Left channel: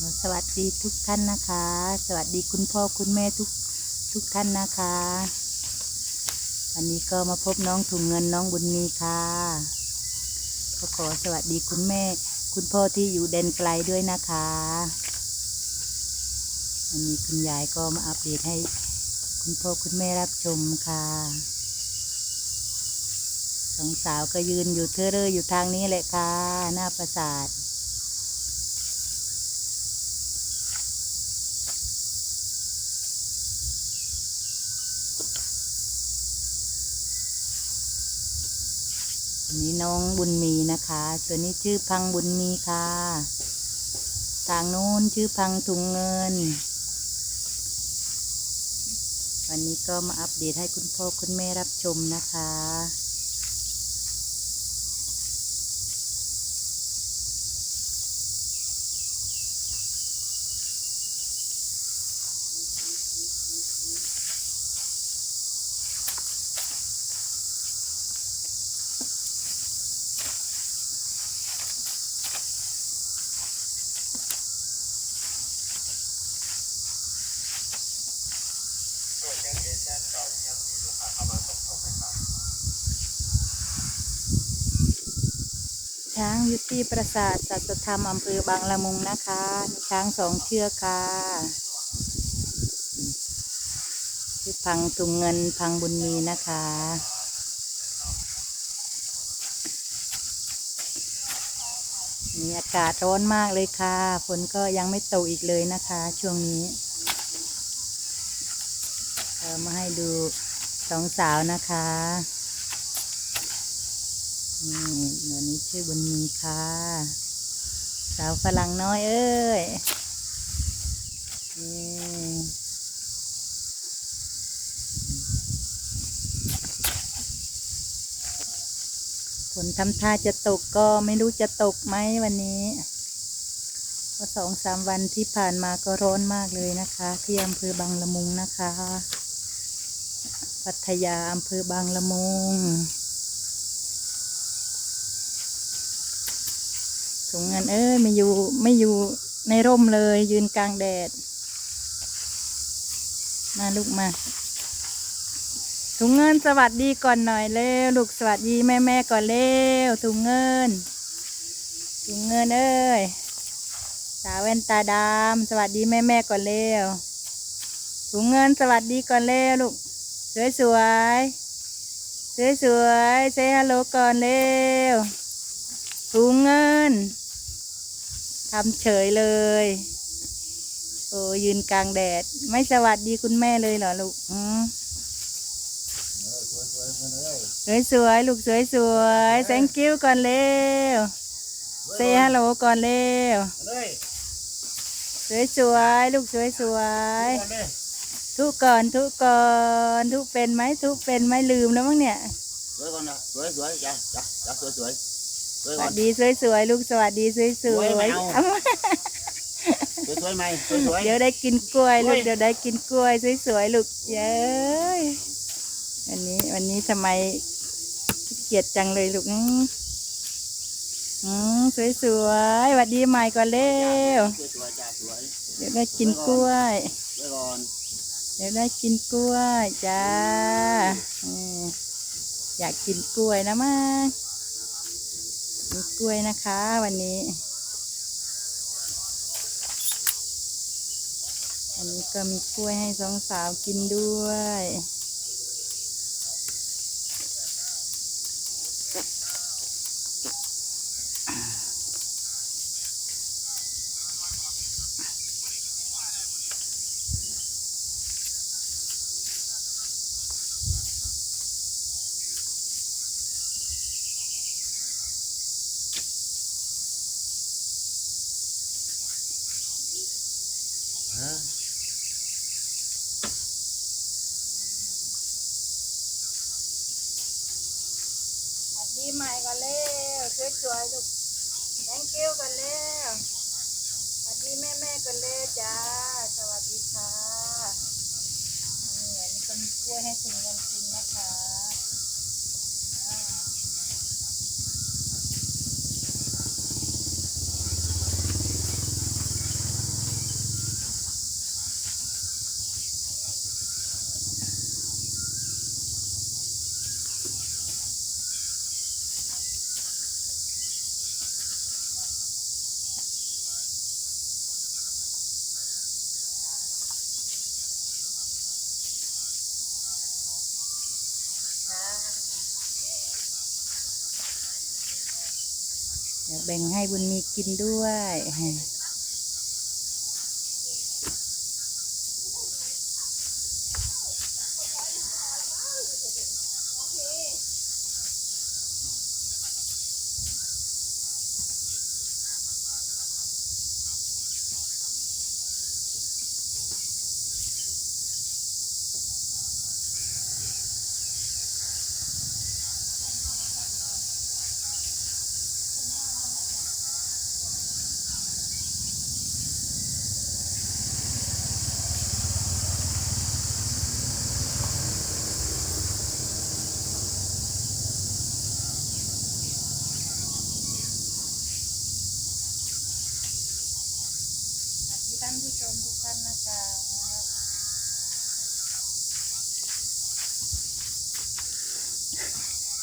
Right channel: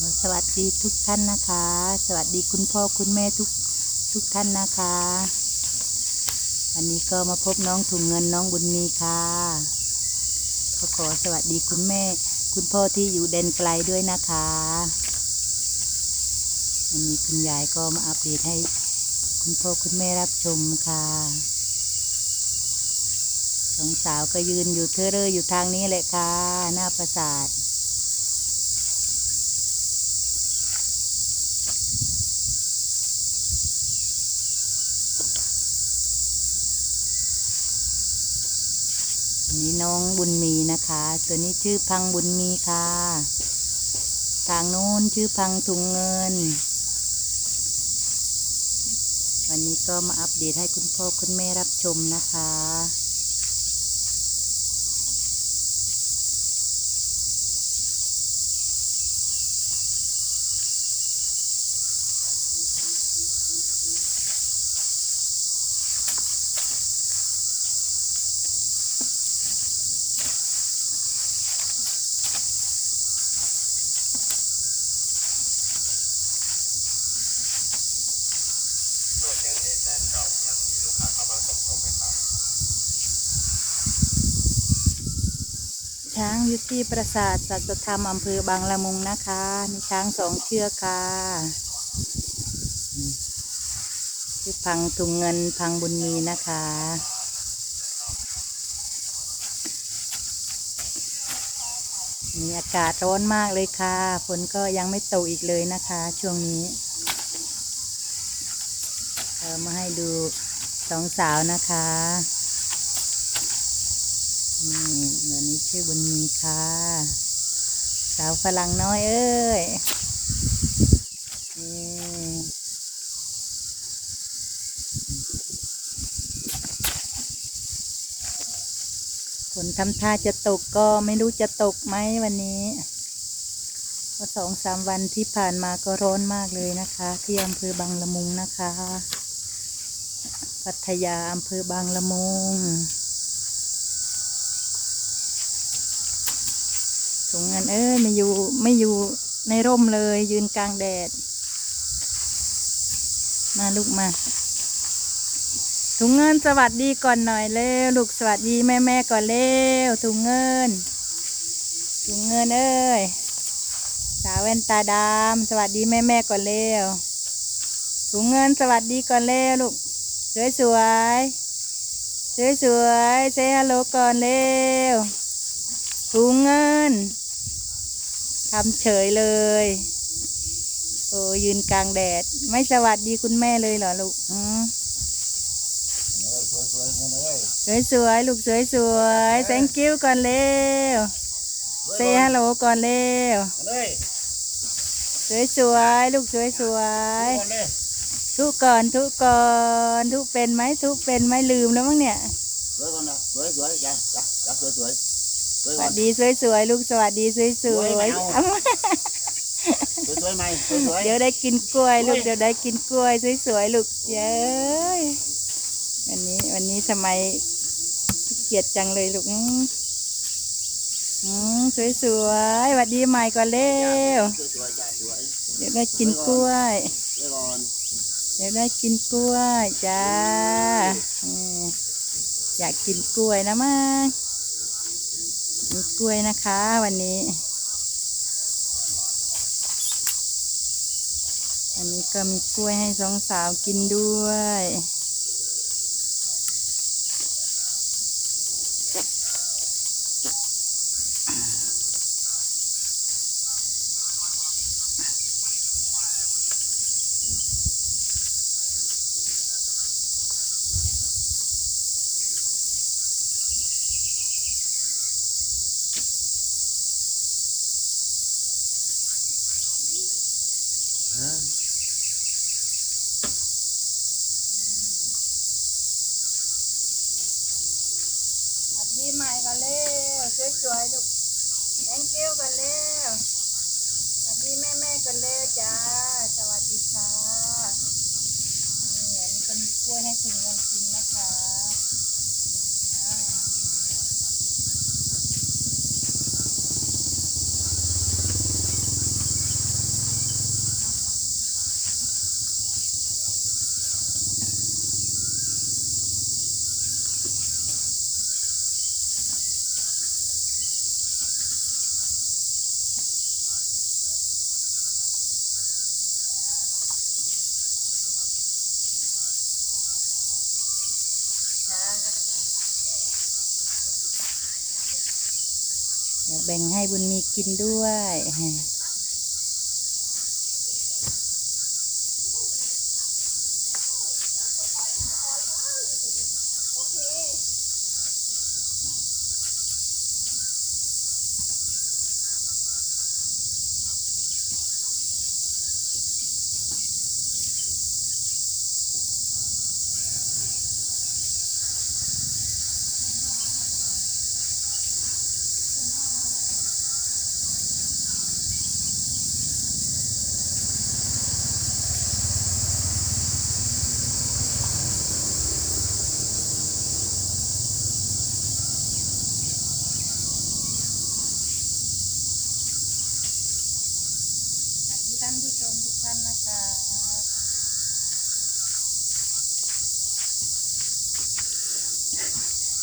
สวัสดีทุกท่านนะคะ สวัสดีคุณพ่อคุณแม่ทุกทุกท่านนะคะ วันนี้ก็มาพบน้องถุงเงินน้องบุญมีค่ะก็ขอสวัสดีคุณแม่ คุณพ่อที่อยู่แดนไกลด้วยนะคะวันนี้คุณยายก็มาอัปเดตให้คุณพ่อคุณแม่รับชมค่ะสองสาวก็ยืนอยู่เทอเรออยู่ทางนี้แหละค่ะ หน้าปราสาท อันนี้น้องบุญมีนะคะ ตัวนี้ชื่อพังบุญมีค่ะ ทางนู้นชื่อพังถุงเงิน วันนี้ก็มาอัปเดตให้คุณพ่อคุณแม่รับชมนะคะ ช้างอยู่ที่ปราสาทสัตธรรมอำเภอบางละมุงนะคะมีช้างสองเชือกค่ะอืมชื่อพังถุงเงินพังบุญมีนะคะ มีอากาศร้อนมากเลยค่ะฝนก็ยังไม่ตกอีกเลยนะคะ ช่วงนี้ เรามาให้ดูสองสาวนะคะนี่เดี๋ยวนี้ชื่อบุญมีค่ะ สาวฝรั่งน้อยเอ้ยนี่ฝนทำท่าจะตกก็ไม่รู้จะตกไหมวันนี้เพราะสองสามวันที่ผ่านมาก็ร้อนมากเลยนะคะ ที่อำเภอบางละมุงนะคะ พัทยาอำเภอบางละมุงถุงเงินเอ้ยไม่อยู่ไม่อยู่ในร่มเลย ยืนกลางแดด มาลูกมาถุงเงินสวัสดีก่อนหน่อยเร็วลูกสวัสดีแม่แม่ก่อนเร็วถุงเงินถุงเงินเอ้ยสาวแว่นตาดำสวัสดีแม่แม่ก่อนเร็วถุงเงินสวัสดีก่อนเร็วลูก สวยสวยสวยสวยๆเซฮัลโหลก่อนเร็วถุงเงินทำเฉยเลย โอ้ยืนกลางแดด ไม่สวัสดีคุณแม่เลยเหรอลูกอืมสวยสวยๆลูกสวยสวยๆ thank you ก่อนเร็ว say hello ก่อนเร็วสวยสวยๆลูกสวยสวยๆ ทุกก่อนทุกก่อนทุกเป็นไหมทุกเป็นไหมลืมแล้วมั้งเนี่ยสวยก่อนนะสวยสวยจ้ะจ้ะจ้ะสวยสวยสวยสก่อวันสดีสวยสวยๆลูกสวัสดีสวยสวยไม่ๆเอาเอามาสวยสวยไหมสวยสวยเดี๋ยวได้กินกล้วยลูกโอ้ยเดี๋ยวได้กินกล้วยสวยๆลูกเย้ยวันนี้วันนี้ทำไมขี้เกียจจังเลยลูกอืมอืมสวยๆหวัดดีใหม่ก่อนเร็วสวยสวยจ้ะสวยเดี๋ยวได้กินกล้วยสวยก่อนเดี๋ยวได้กินกล้วยจ้าอยากกินกล้วยนะมามีกล้วยนะคะ วันนี้ อันนี้ก็มีกล้วยให้สองสาวกินด้วย สวัสดีใหม่กันเร็ว สวยๆลูก thank you กันเร็วสวัสดีแม่แม่ๆกันเลยจ้า สวัสดีค่ะนี่อันนี้เป็นกล้วยให้ถุงเงินกินนะคะ แบ่งให้บุญมีกินด้วยานผู้ชมทุกท่านนะคะ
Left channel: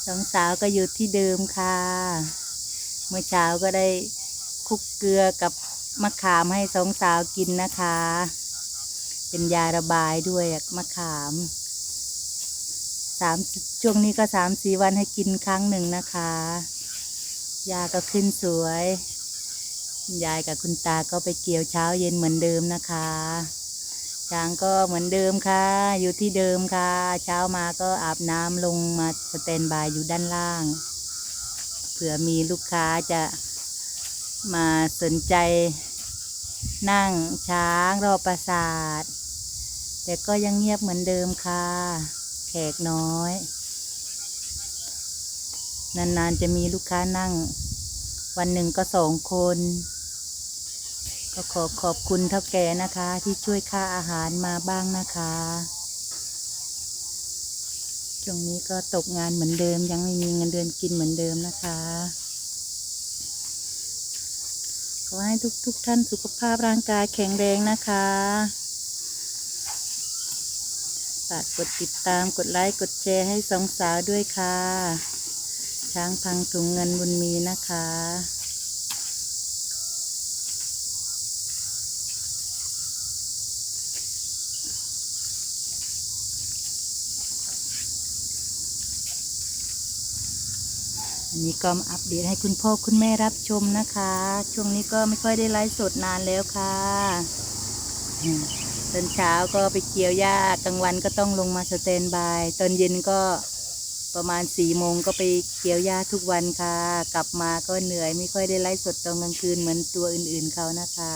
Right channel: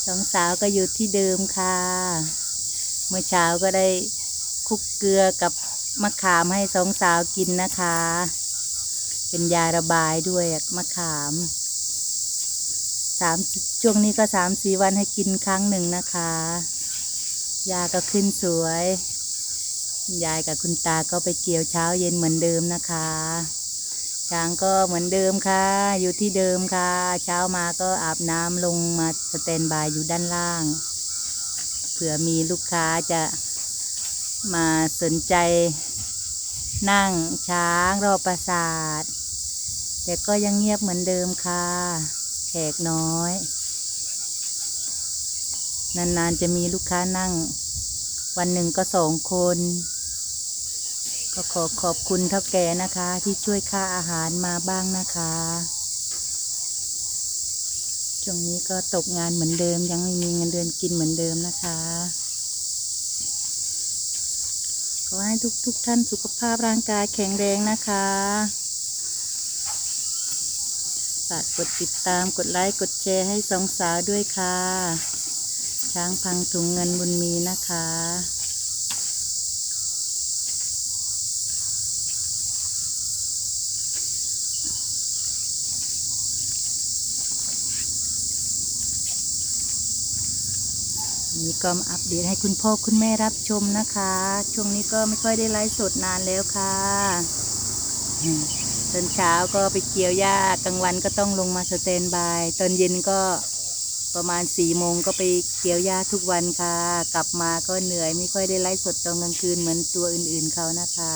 สองสาวก็อยู่ที่เดิมค่ะ เมื่อเช้าก็ได้คุกเกลือกับมะขามให้สองสาวกินนะคะ เป็นยาระบายด้วยมะขามสามช่วงนี้ก็สามสี่วันให้กินครั้งหนึ่งนะคะ ยาก็ขึ้นสวย ยายกับคุณตาก็ไปเกี่ยวเช้าเย็นเหมือนเดิมนะคะ ช้างก็เหมือนเดิมค่ะ อยู่ที่เดิมค่ะ เช้ามาก็อาบน้ำลงมาสแตนบายอยู่ด้านล่าง เผื่อมีลูกค้าจะมาสนใจ นั่งช้างรอปราสาท แต่ก็ยังเงียบเหมือนเดิมค่ะ แขกน้อย นานๆจะมีลูกค้านั่ง วันหนึ่งก็สองคน ก็ขอขอบคุณเท่าแก่นะคะ ที่ช่วยค่าอาหารมาบ้างนะคะช่วงนี้ก็ตกงานเหมือนเดิม ยังไม่มีเงินเดือนกินเหมือนเดิมนะคะขอให้ทุกทุกท่านสุขภาพร่างกายแข็งแรงนะคะฝากกดติดตามกดไลค์กดแชร์ให้สองสาวด้วยค่ะ ช้างพังถุงเงินบุญมีนะคะ นนี้ก็มาอัปเดตให้คุณพ่อคุณแม่รับชมนะคะ ช่วงนี้ก็ไม่ค่อยได้ไลฟ์สดนานแล้วค่ะตอนเช้าก็ไปเกี่ยวหญ้ากลางวันก็ต้องลงมาสแตนบายตอนเย็นก็ประมาณสี่โมงก็ไปเกี่ยวหญ้าทุกวันค่ะ กลับมาก็เหนื่อยไม่ค่อยได้ไลฟ์สดตอนกลางคืนเหมือนตัวอื่นๆเขานะคะ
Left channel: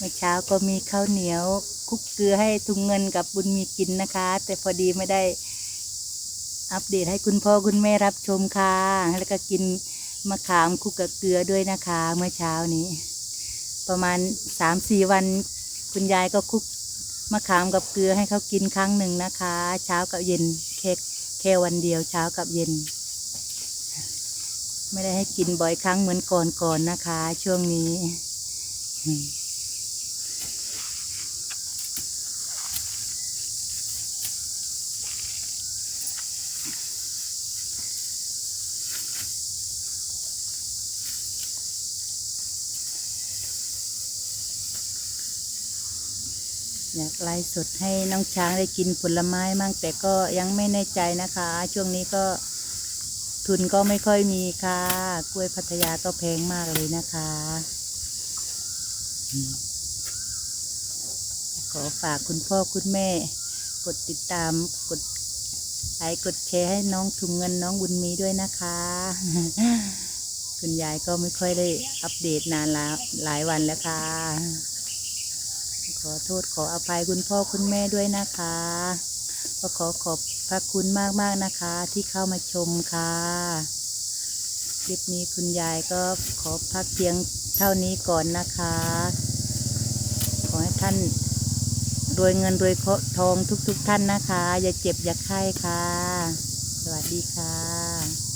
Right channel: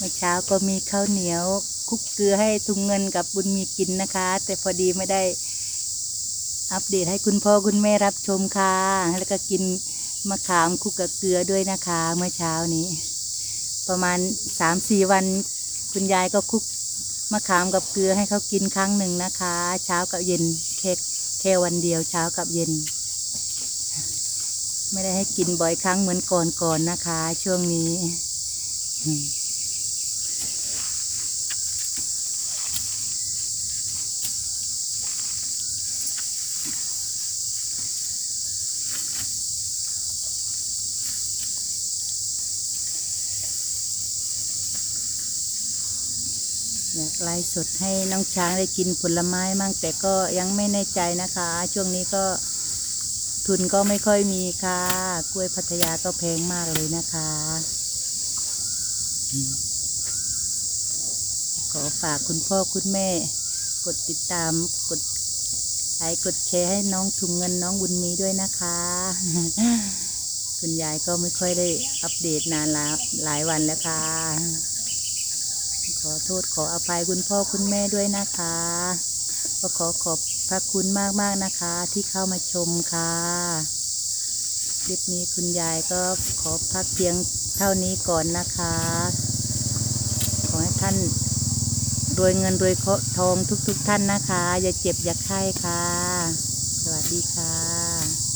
เมื่อเช้าก็มีข้าวเหนียวคุกเกลือให้ทุงเงินกับบุญมีกินนะคะ แต่พอดีไม่ได้อัปเดตให้คุณพ่อคุณแม่รับชมค่ะ แล้วก็กินมะขามคุกกับเกลือด้วยนะคะ เมื่อเช้านี้ ประมาณสามสี่วัน คุณยายก็คุกมะขามกับเกลือให้เขากินครั้งหนึ่งนะคะ เช้ากับเย็นแค่แค่วันเดียวเช้ากับเย็น ไม่ได้ให้กินบ่อยครั้งเหมือนก่อนๆนะคะ ช่วงนี้ อยากไลฟ์สดให้น้องช้างได้กินผลไม้มั่งแต่ก็ยังไม่แน่ใจนะคะ ช่วงนี้ก็ทุนก็ไม่ค่อยมีค่ะ กล้วยพัทยาก็แพงมากเลยนะคะ ขอฝากคุณพ่อคุณแม่ กดติดตามกดไลค์กดแชร์ให้น้องถุงเงินน้องบุญมีด้วยนะคะ คุณยายก็ไม่ค่อยได้อัปเดตนานแล้วหลายวันแล้วค่ะ ขอโทษขออภัยคุณพ่อคุณแม่ด้วยนะคะ ก็ขอขอบพระคุณมากๆนะคะ ที่เข้ามาชมค่ะคลิปนี้คุณยายก็ขอพักเพียงเท่านี้ก่อนนะคะ ขอให้ท่านรวยเงินรวยทองทุกๆทท่านนะคะ อย่าเจ็บอย่าไข้ค่ะ สวัสดีค่ะ